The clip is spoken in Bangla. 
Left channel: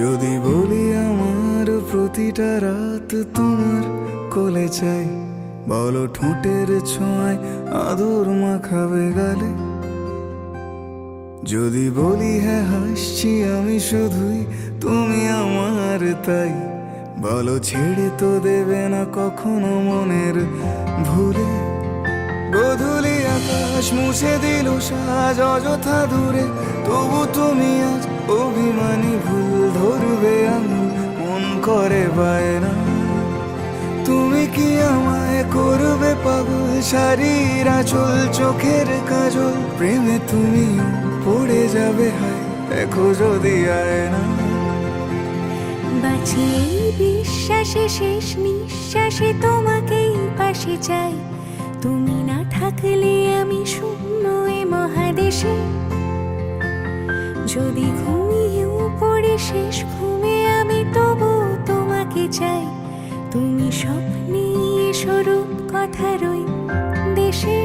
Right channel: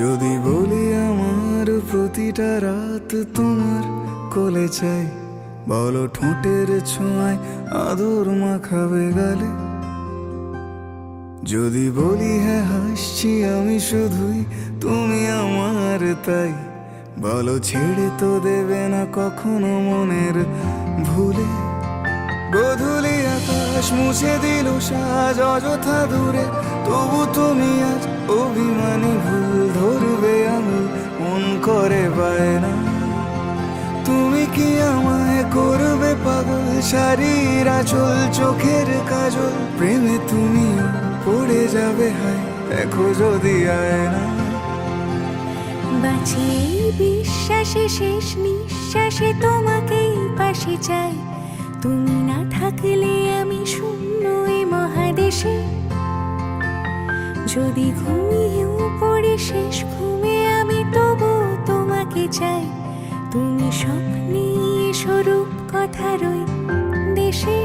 যদি বলি আমার প্রতিটা রাত তোমার কোলে চাই, বলো ঠোঁটের ছোঁয়ায় আদর মাখাবে গালে। যদি বলি হ্যাঁ হাসছি আমি শুধুই, তুমি আমার তাই, বলো ছেড়ে তো দেবে না কখনো মনের ভুলে। গোধূলি আকাশ মুছে দিল সাজ অযথা দূরে, তবু তুমি আজ অভিমানী ভুল ধরবে আঙুল, মন করে বায়না। তুমি কি আমায় করবে পাগল, শাড়ির আঁচল চোখের কাজল, প্রেমে তুমিও পড়ে যাবে হায় দেখো যদি আয়না। বাঁচি এই বিশ্বাসে শেষ নিঃশ্বাসে তোমাকেই পাশে চাই, তুমি না থাকলে আমি শূন্য এ মহাদেশে। যদি ঘুমিয়েও পড়ে শেষ ঘুমে আমি তবু তোমাকে চাই, তুমি স্বপ্নে স্বরূপ কথার ওই দেশে।